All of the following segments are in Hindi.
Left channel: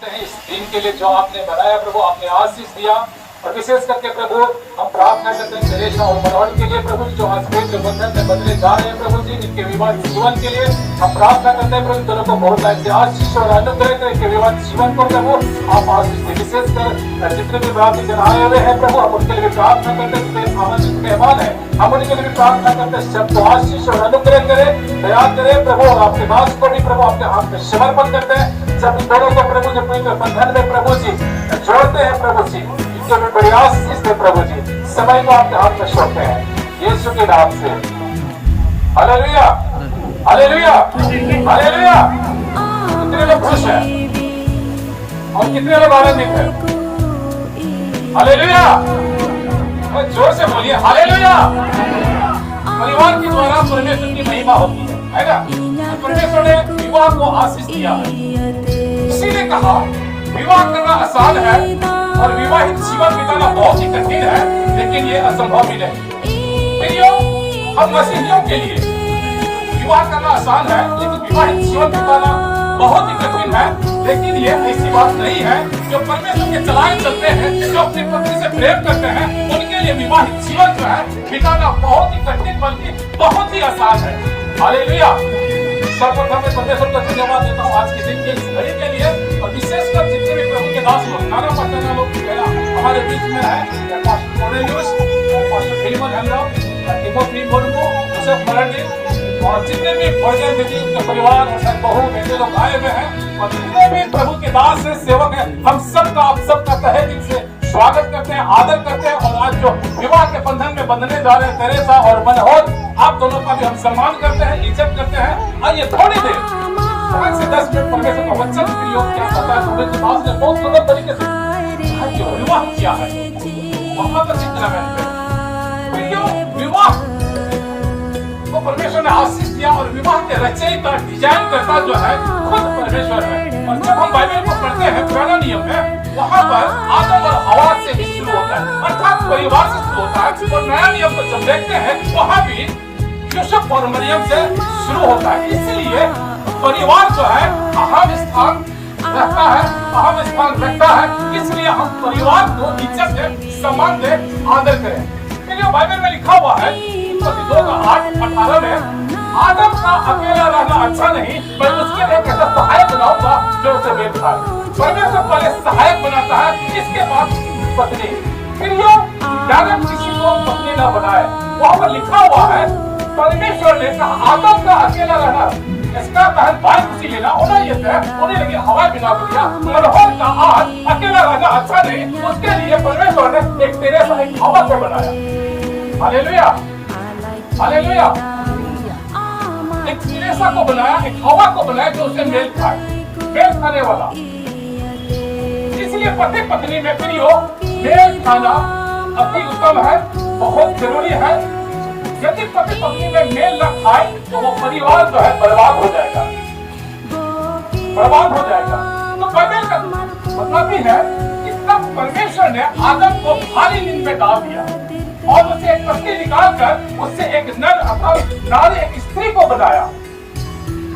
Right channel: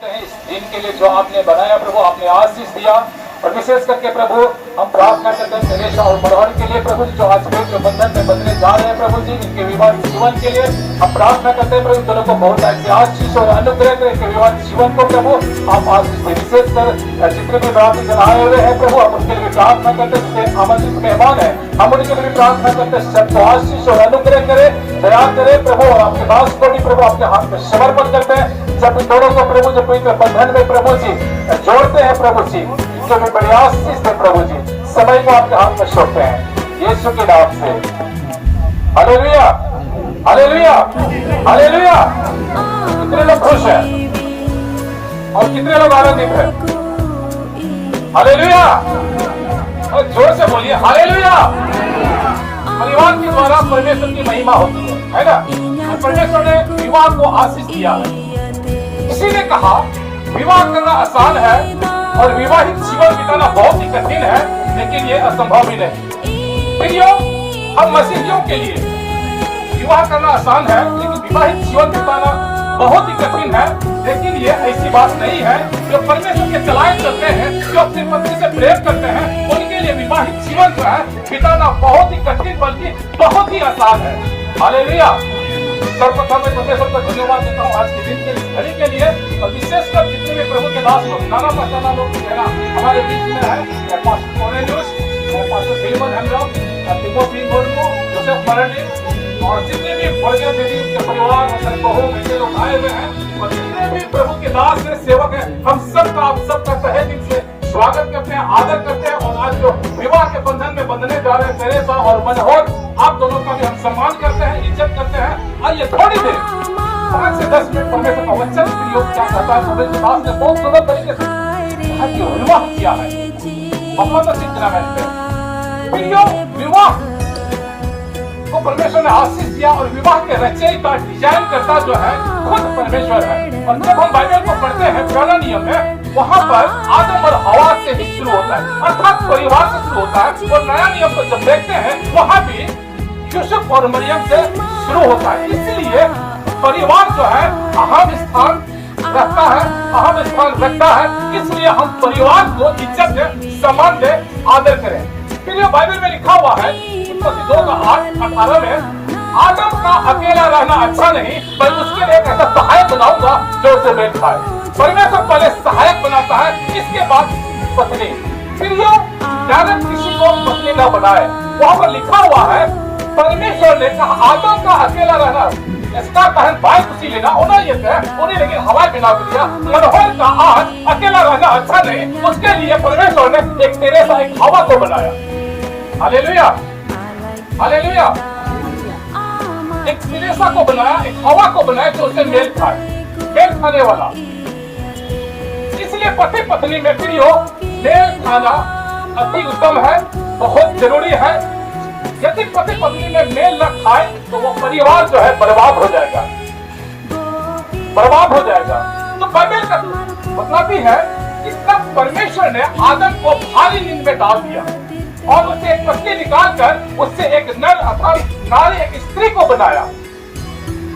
इस दिन के लिए जो आपने बनाया प्रभु, आपने आशीष दिया। और विशेष करके प्रभु हम प्रार्थना करते हैं कलेशा और मरहर के लिए प्रभु, जो आज जो बंधन में बदले जा रहे हैं प्रभु जी, इनके विवाह जीवन के लिए हम प्रार्थना करते हैं प्रभु, दोनों को बहुत ऐसी आशीष और अनुग्रह करें कि विवाह जीवन को प्रभु आप आशीष दें। विशेष कर जितने भी प्रार्थना आए हुए हैं प्रभु, हम उनके लिए प्रार्थना करते हैं, आमंत्रित मेहमान है, हम उनके लिए प्रार्थना करते हैं, सबको आशीष और अनुग्रह करें, दया करें प्रभु। और आपके दास को भी प्रभु आपके हाथ में समर्पण करते हैं, जब दोनों को प्रभु जब पवित्र बंधन में प्रभु जी जोड़ते हैं प्रभु जी, इनके भी बड़ी आशीष दे प्रभु जी, समय को आपके हाथ में सौंपते हैं यीशु के नाम से। Hallelujah, hallelujah, hallelujah. कितने लोग खुश हैं और कितने लोग आनंदित हैं? हालेलुया, जोर से बोलिए हालेलुया। परिवार के द्वारा परमेश्वर की महिमा होती है ना? परमेश्वर ने विवाह को आशीष दिया है। किसी ने कहा विवाह करना आसान है और विवाहित जीवन बिताना बहुत ही कठिन है, लेकिन ये असंभव भी नहीं। प्रियो, हम मसीहियों के लिए विवाह करना आसान है, लेकिन विवाहित जीवन बिताना बहुत ही कठिन है। लेकिन ये ऐसी बात नहीं है। जो परमेश्वर के चलाए चलते हैं, जो अपनी पत्नी से प्रेम करते हैं, उनके लिए विवाहित जीवन जो है बिताना बहुत ही कठिन बल्कि बहुत ही आसान है। हालेलुया। सर्वप्रथम मैं परमेश्वर को धन्यवाद देता हूँ आज के दिन के इस घड़ी के लिए, और विशेषकर जितने भी प्रभु के दास लोग, नाना पश्चाना लोग हमारे बीच में है, pastor Cornelius, pastor Philemon Hemrock, Timothy Murmu, Joseph Marandi, और जितने भी भोजन दीदी उनके परिवार और बहू बेटे लोग आए हुए हैं, और जितने भी प्रभु के दास हैं, सेवक हैं, हम सबका आप सबका तहे दिल से स्वागत करते हैं, आदर करते हैं। और आज जो विवाह के बंधन में बंधने जा रहे हैं तेरेसा और मनोहर, आप दोनों का भी हम सम्मान करते हैं, इज्जत करते हैं। आइए थोड़ी देर 5 से 10 मिनट परमेश्वर का वचन प्रयोग क्या करता है, सुबह के दास ने बहुत सुंदर तरीके से विवाह किया है, बहुत अच्छी तरह है। विवाह को परमेश्वर ने आशीष दिया, और विवाह के रचयिता डिजाइन करता जो है खुद परमेश्वर है। और जब हम बाइबल को पढ़ते हैं पुराना नियम में, वहाँ पर आदम और हवा से ही शुरू होता है, अर्थात परिवार से शुरू होता है। और नया नियम को जब देखते हैं, वहाँ भी यूसुफ और मरियम से शुरू होता है। इसलिए परिवार जो है अहम स्थान रखता है, अहम स्थान रखता है। इसलिए हम परिवार को इज्जत दे, सम्मान दे, आदर करें। फिर ये बाइबल में लिखा हुआ है 2:8-18 में, आदम का अकेला रहना अच्छा नहीं, पर उसके लिए एक ऐसा सहायक बनाऊंगा जो उसे मेल खाए। परमेश्वर पहले सहायक बनाता है, इसके बाद पत्नी। फिर ये आदम किसी को पत्नी ना बनाए, वहाँ पर लिखा हुआ है परमेश्वर ने कहा आदम का अकेला रहना, इसका तहन भाई खुशी लेना होना ये है, उन्हें लेकिन हवाई बिना दिया। मनोहर का आज अकेला रहना अच्छा नहीं, उसके लिए परमेश्वर ने एक तेरेसा, एक हवा को बनाया। Hallelujah, hallelujah. एक तेरेसा को बनाया, एक हवा को बनाया जो उसे मेल खाए, मेल खाने वाला। इसलिए पति पत्नी में प्रियो मेल खाना अति उत्तम है, बहुत जरूरी है। यदि पति पत्नी में मेल न खाए तो वो परिवार जो है बर्बाद हो जाएगा, बर्बाद हो जाएगा। तो बाइबल का मतलब भी है कि तब परमेश्वर ने आदम को भारी नींद में डाल दिया और उससे एक पत्नी निकालकर उससे एक नर अथवा नारी, एक स्त्री को बनाया।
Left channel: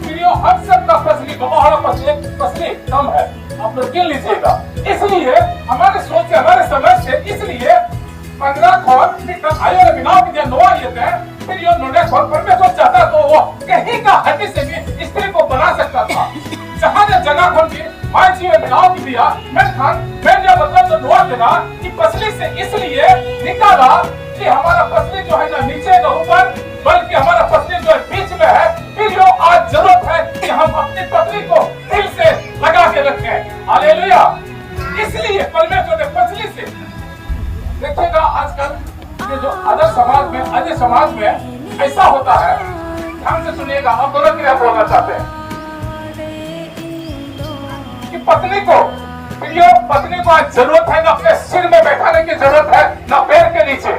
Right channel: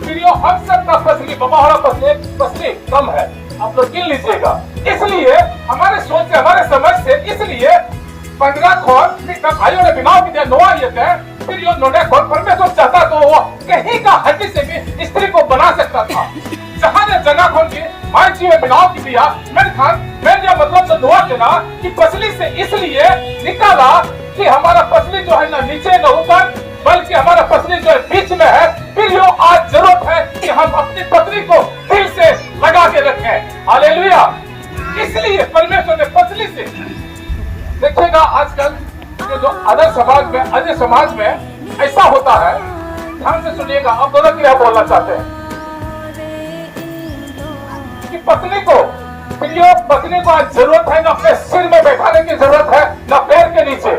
प्रियो, हम सबका पसली बमाड़ा पसली कम है, आप लोग गिन लीजिएगा। इसलिए हमारे सोच से, हमारे समझ से, इसलिए 15 खोल बिना नोआ ये थे। फिर यो नोडे खोल परमेश्वर चाहता तो वो कहीं का हड्डी से भी स्त्री को बना सकता था। जहाँ ने जगह खोल दी, माय जी में बिनाव की दिया। मैंने मतलब तो नोआ देना कि पसली से इसलिए निकाला कि हमारा पसली जो है ना नीचे न ऊपर, बल्कि हमारा पसली जो है बीच में है। फिर यो आज जरूरत है कि हम अपनी पत्नी को दिल से लगा के रखें। हालेलुया। इसलिए परमेश्वर ने पसली से, देखिएगा आजकल ये जो अदर समाज में ऐसा होता है, ध्यान से सुनिएगा, आप दोनों के लिए बोलना चाहते हैं कि पत्नी को आज जरूरत है ना अपने सिर में बैठाने की जरूरत है, ना पैर के नीचे।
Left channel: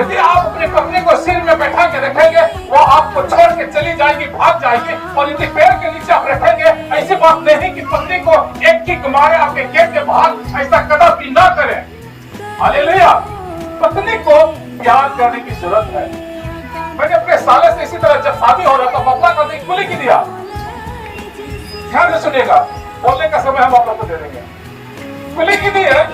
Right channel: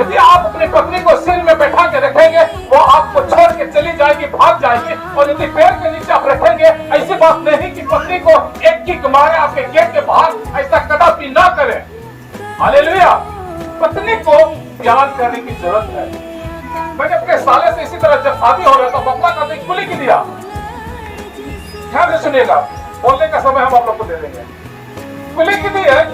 यदि आप अपनी पत्नी को सिर में बैठा के रखेंगे, वो आपको छोड़ के चली जाएगी, भाग जाएगी। और यदि पैर के नीचे आप रखेंगे, ऐसी बात नहीं कि पत्नी को एक किक मारे आपके गेट के बाहर, ऐसा कदापि ना करें। हालेलुया। पत्नी को प्यार करने की जरूरत है। मैंने अपने साले से इसी तरह जब शादी हो रहा था, बपला का कुली की दिया। ध्यान से सुनिएगा, बोलने का समय हम आप लोग को दे देंगे। लेकिन ये है,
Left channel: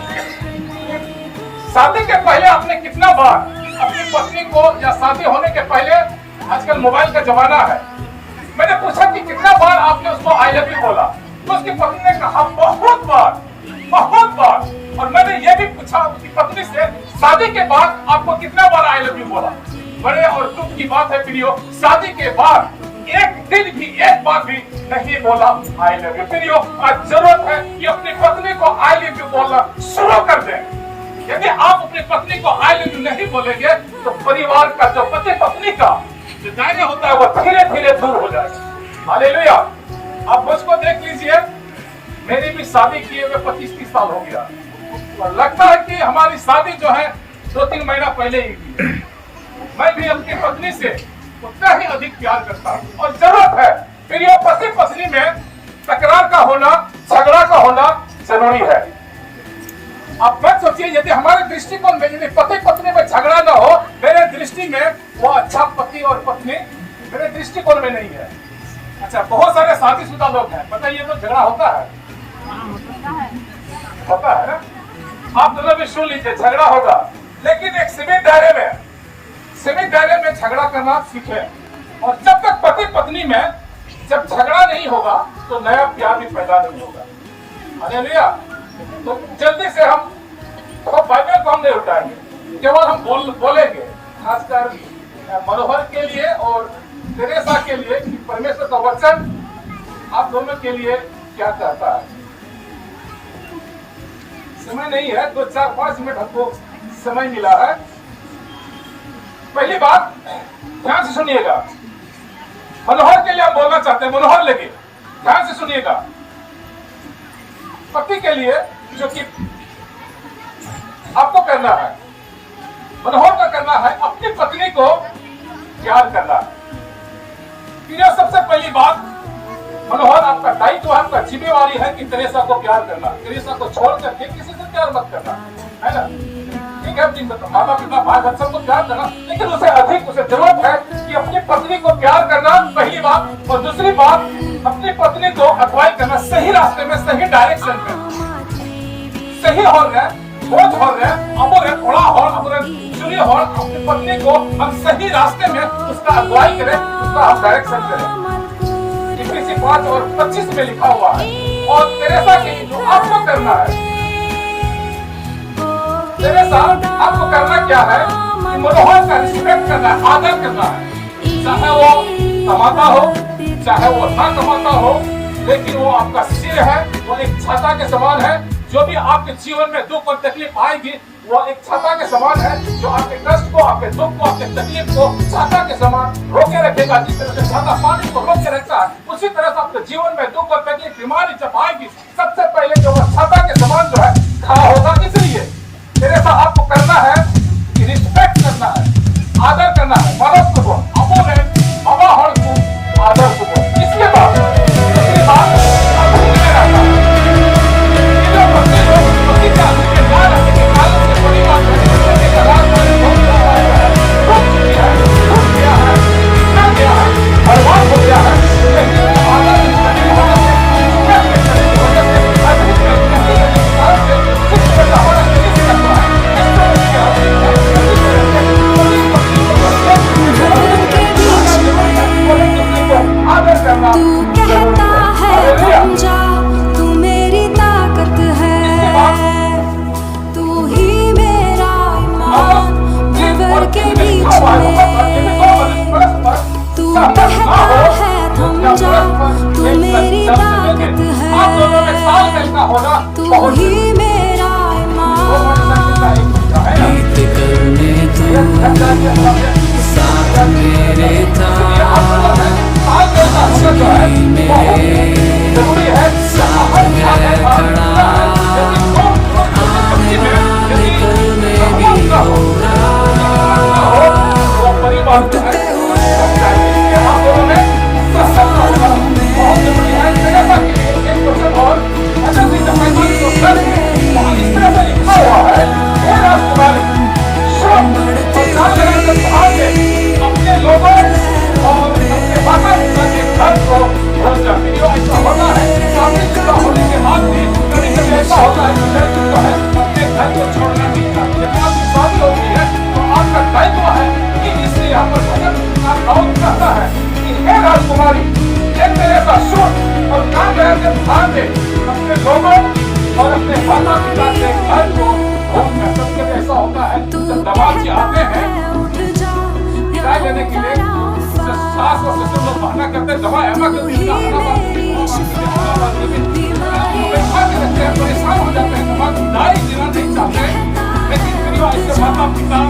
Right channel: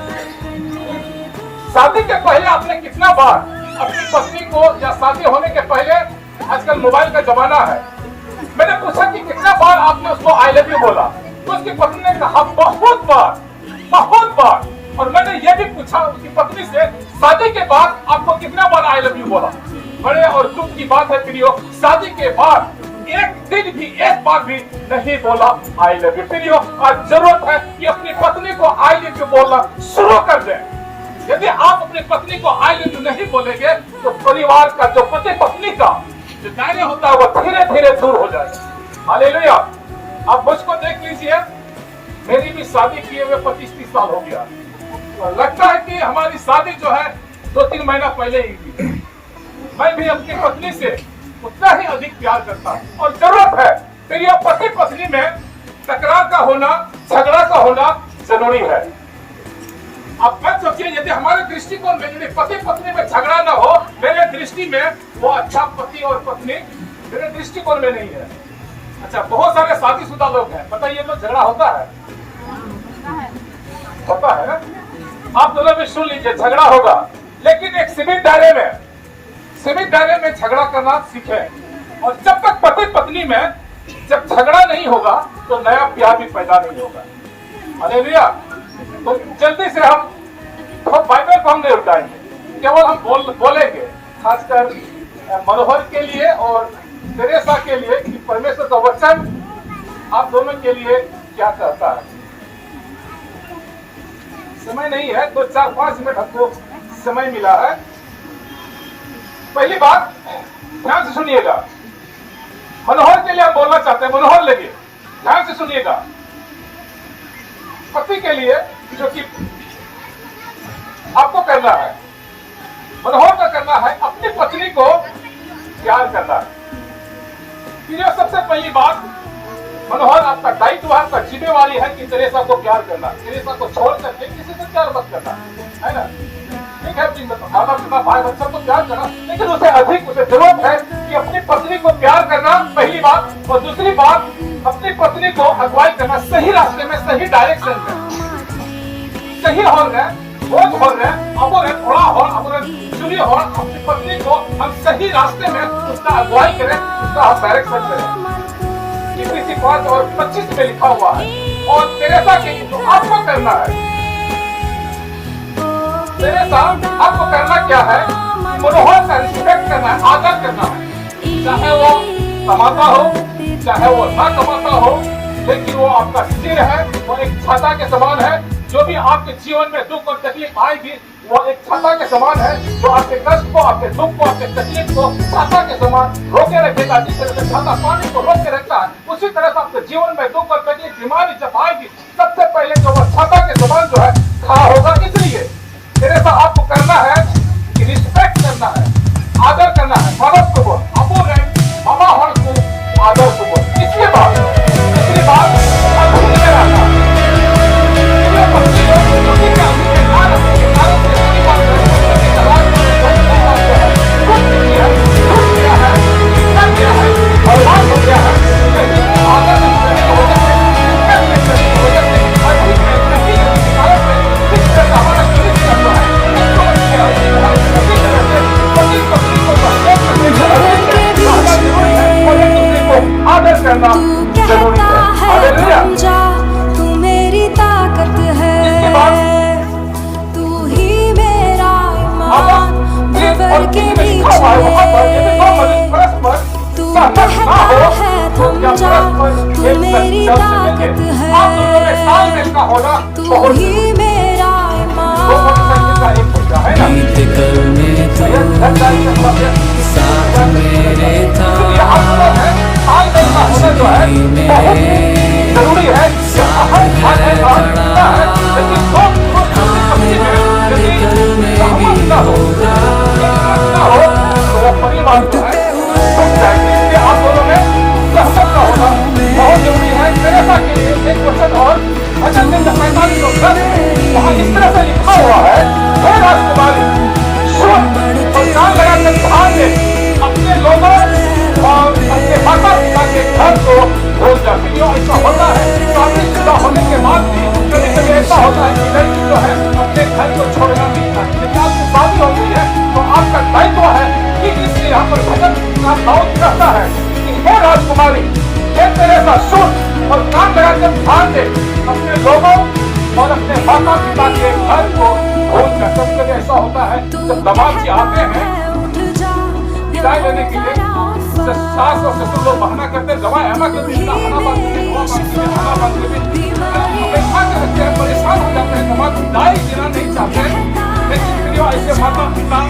शादी के पहले आपने कितना बार अपनी पत्नी को, या शादी होने के पहले, आजकल मोबाइल का जमाना है, मैंने पूछा कि कितना बार आपने उसको आई लव यू बोला, तो उसकी पत्नी ने कहा बहुत बार, बहुत बार। और मैंने ये भी पूछा उसकी पत्नी से, शादी के बाद आपको कितना बार आई लव यू बोला। बड़े और दुख की बात है प्रियो, शादी के बाद एक दिन भी, एक बार भी नहीं बोला आई लव यू। प्रियो, आज जरूरत है कि अपनी पत्नी को आई लव यू बोलना शुरू कर दें। यदि आप अपनी पत्नी को आई लव यू नहीं बोलेंगे तो परिवार का, जो पति पत्नी का जो दायरे होता है, वो धीरे धीरे दूर हो जाएगा। हालेलुया। आप मुझको देख लीजिए, मेरी भी शादी किए हुए 25-30 साल हो गया, और लगता है कि हमारी शादी जो है 2-3 महीना पहले ही हुई। मैं भी अपनी पत्नी से उतना ही अधिक प्यार करता हूं, और जरूरत है फिर यह पति पत्नी में तकरार का होना, झगड़ा का होना जरूरी है। आप मत सोचिए, यदि हमारे दृष्टिकोण में, यदि पति पत्नी में झगड़ा ना हो, मेरे दृष्टि में वो अच्छा पति और पत्नी मेरे दृष्टिकोण में नहीं है। अच्छा, बहुत सारे शादीशुदा लोग हैं, बताइए तो झगड़ा होता है? होता है ना? आप दोनों भी सुन लीजिए, झगड़ा होगा, लेकिन एक सीमित दायरे में झगड़ा करना सीखें। और जब तक पति पत्नी में जब झगड़ा नहीं होगा तो नया प्यार भी पैदा नहीं होगा। हालेलुया। तो जल्दी से हम तो बाइबल को हम नहीं उठाएंगे, केवल हम बोलेंगे, खासकर मनोहर के लिए और तेरेसा के लिए, कि परमेश्वर का वचन आप दोनों के लिए क्या कहता है। समय नहीं है, तो 4-5 मिनट हमको समय मिला है। पहली बात ध्यान से सुनिएगा, मनोहर के लिए हम बोलना चाहते हैं, मनोहर लगे ध्यान से सुनिएगा। पति के लिए जो कि आपको करना है, मनोहर का करना है, अपनी पत्नी को प्यार करना है। फिर सबसे पहली बात, मनोहर आपका दायित्व है, आपका जिम्मेवारी है कि तेरेसा को प्यार करना। तेरेसा को छोड़ करके किसी से प्यार मत करना, है ना? ठीक है, माता पिता भाई बच्चों को प्यार करना, लेकिन उसे अधिक उसे जरूरत है कि अपनी पत्नी को प्यार करना, पहली बात। और दूसरी बात, अपनी पत्नी को अगुवाई करना, सही रास्ते में, सही डायरेक्शन में, सही हो रहे, बोझ हो रहे, अब रहे, थोड़ा हो, अब रहे, चुनी हो, अपनी पत्नी को हम सही रास्ते में उसका अगुवाई करें, उसका हम डायरेक्शन करें। 5:25 में लिखा हुआ है। और तेरेसा के जो आपको करना है, तेरेसा आपको करना क्या है? मनोहर का रिस्पेक्ट करना है, आदर करना है, चाहे वो कमाता हो, चाहे वो ना कमाता हो, लेकिन वो आपका सिर है, वो एक छाता के समान है। जो भी आपके जीवन में दुख और तकलीफ आएगी, वो एक छाता के समान है, जो आपके कष्ट को, आपके दुख को, आपके तकलीफ को छाता के समान रोके रखेगा। जिस तरह से छाता पानी को रोक के रखता है, उसी तरह से आपके जीवन में दुख और तकलीफ, बीमारी जब आएगी, सबसे पहले जो वो छाता के समान जो है खड़ा होगा। इसलिए तेरेसा आपको करना है कि रिस्पेक्ट करना है, आदर करना है, मदद को बोल, अबो ने मामा हर को आदर को बोल। इसलिए बात, दूसरी बात, तू कहता है थम जा, तू मेरी ताकत है, तू ही मेरा ईमान भंवर के बीच में। तू कहता है थम जा, तू मेरी ताकत है, तू ही मेरा ईमान। बीत कल में तू साथ मेरे था, आज भी मेरे साथ है खड़ा, आने वाले कल में भी होगा। उठते हुए तूफानों में रहोगे और अपने माता पिता के घर को भूल कर कभी कभी ऐसा होता है तू जब दमाद आते कहता हैं है उठ जा विदाई लेने यहाँ के लिए खड़ा जब सास और ससुर लोग बहाना करते हैं दवा एमा के ही मेरी शिफा बीमारी परेशान हो जाते हैं दमाद विदाई देना नहीं चाहते हैं लेकिन फिर ऐसे माता पिता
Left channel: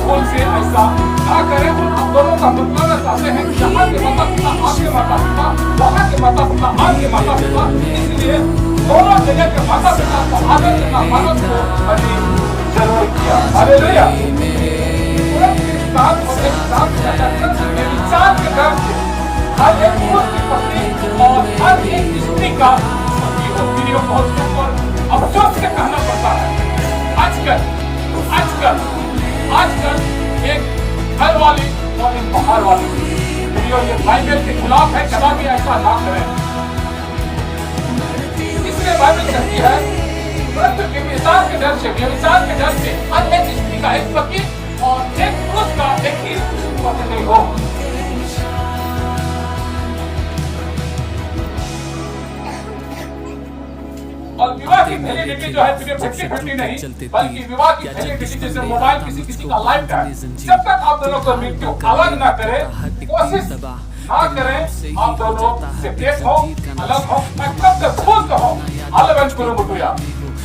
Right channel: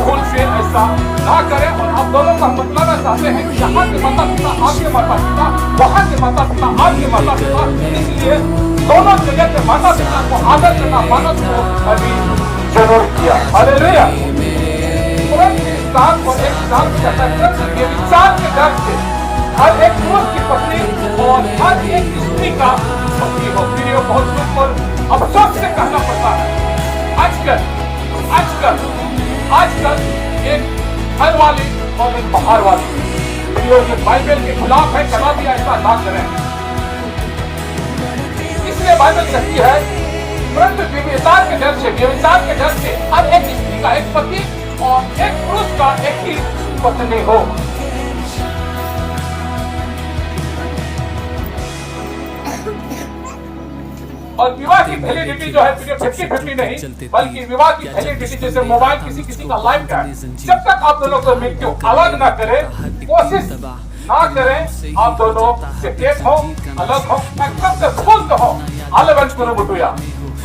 भूल से ऐसा ना करें और आप दोनों का मतलब चाहते हैं यहाँ के माता पिता आपके माता पिता वहाँ के माता पिता आपके माता पिता इसलिए दोनों जगह के माता पिता को आदर करना मानव को अभी जरूर किया हालेलुया इंसान को एक काम करना चाहिए इंसान के घर से हर एक पुरुष की पत्नी और हर एक स्त्री का पति हो फिर ये बहुत दुख और अफसोस से कहना पड़ता है आजकल एक घर वाली और एक बाहर वाली ये बाइबल के खिलाफ है कभी भी ऐसा ना करें इसलिए बाइबल कहती है परंतु व्यभिचार के डर से हर एक स्त्री का एक पति और एक पुरुष का एक ही पत्नी हो और विवाह की वैलिडिटी जो है 50-50 नहीं बल्कि विवाह की वैलिडिटी जैसे मोबाइल किसी का लाइफ है जब तक आप दोनों को मृत्यु अलग ना करे कोशिश ना करें आप दोनों सेपरेट हो अलग हो मैं कब तक खुद हो अलग करूं बुटुया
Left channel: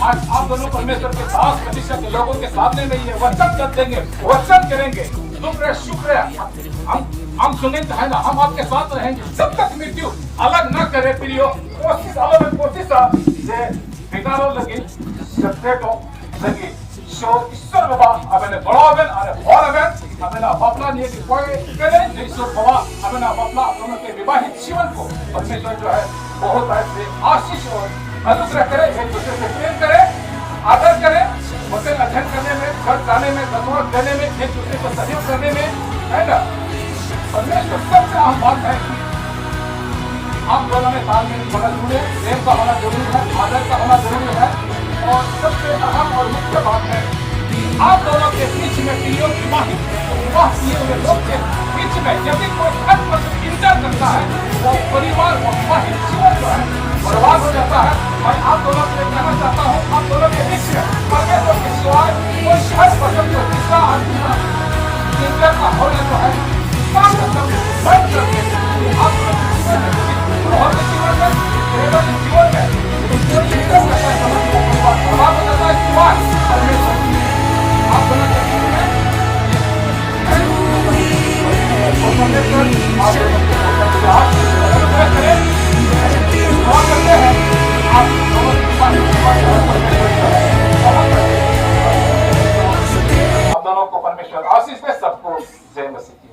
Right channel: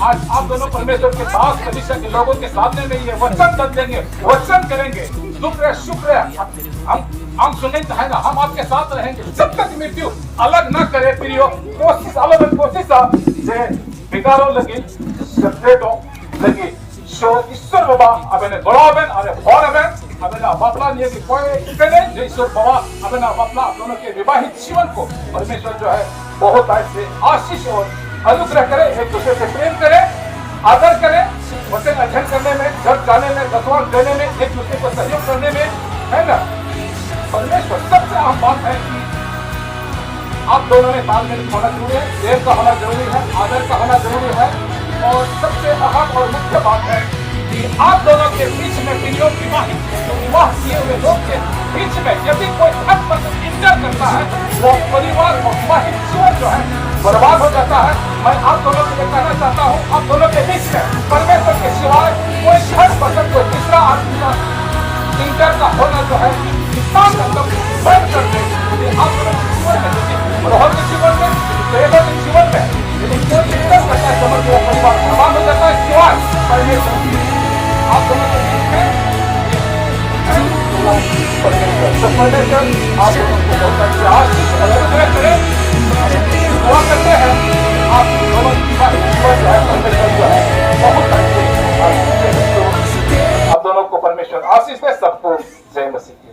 आज आप दोनों परमेश्वर के साथ कलीसिया के लोगों के सामने नहीं है वचन बदलेंगे वचन करेंगे शुक्र हम सुनेंगे है ना हम आपके साथ रहेंगे जब तक मृत्यु अलग न करे प्रियो कोशिश अलग कोशिश से बिगाड़ो लगी सेपरेट हो लगी So, ईश्वर बाबा अपने बड़ा बहन अरे बड़ा बहन अपने बापला लिए कि कोई इतने जो ईश्वर बाबा अपने बापला दोनों के विवाहित जीवन को परमेश्वर जो है बहुत ऐसे आशीष और अनुग्रह करे एक दूसरे से प्रेम करे आदर करे वचन अध्ययन करने में घर जाने में दसवां देने में एक दूसरे को सहयोग करने में है ना परमेश्वर सबसे अहम बात है कि आप दोनों में तालमेल होना जरूरी है प्रेम का होना जरूरी है आदर का होना जरूरी है और सबसे अहम और मुख्य बात है कि आप दोनों के बीच में विवाह किए हुए लोग के बीच में यदि कोई इंटर करता है वो परिवार और विवाहित जीवन जो है बर्बाद हो जाता है मैं आप दोनों को कहना चाहता हूँ आप दोनों के बीच में परमेश्वर के सिवाय कोई हर पसंद को तीसरा आदमी इंटर का होना जो है इतना मतलब बंद करके आप दोनों के जीवन में प्रेम के जीवन में उनके इंटर करना समझ बर्बाद हो जाता है सिवाय परमेश्वर आप दोनों के बीच में आप दोनों को परमेश्वर आशीष दे सबको जय मसीह की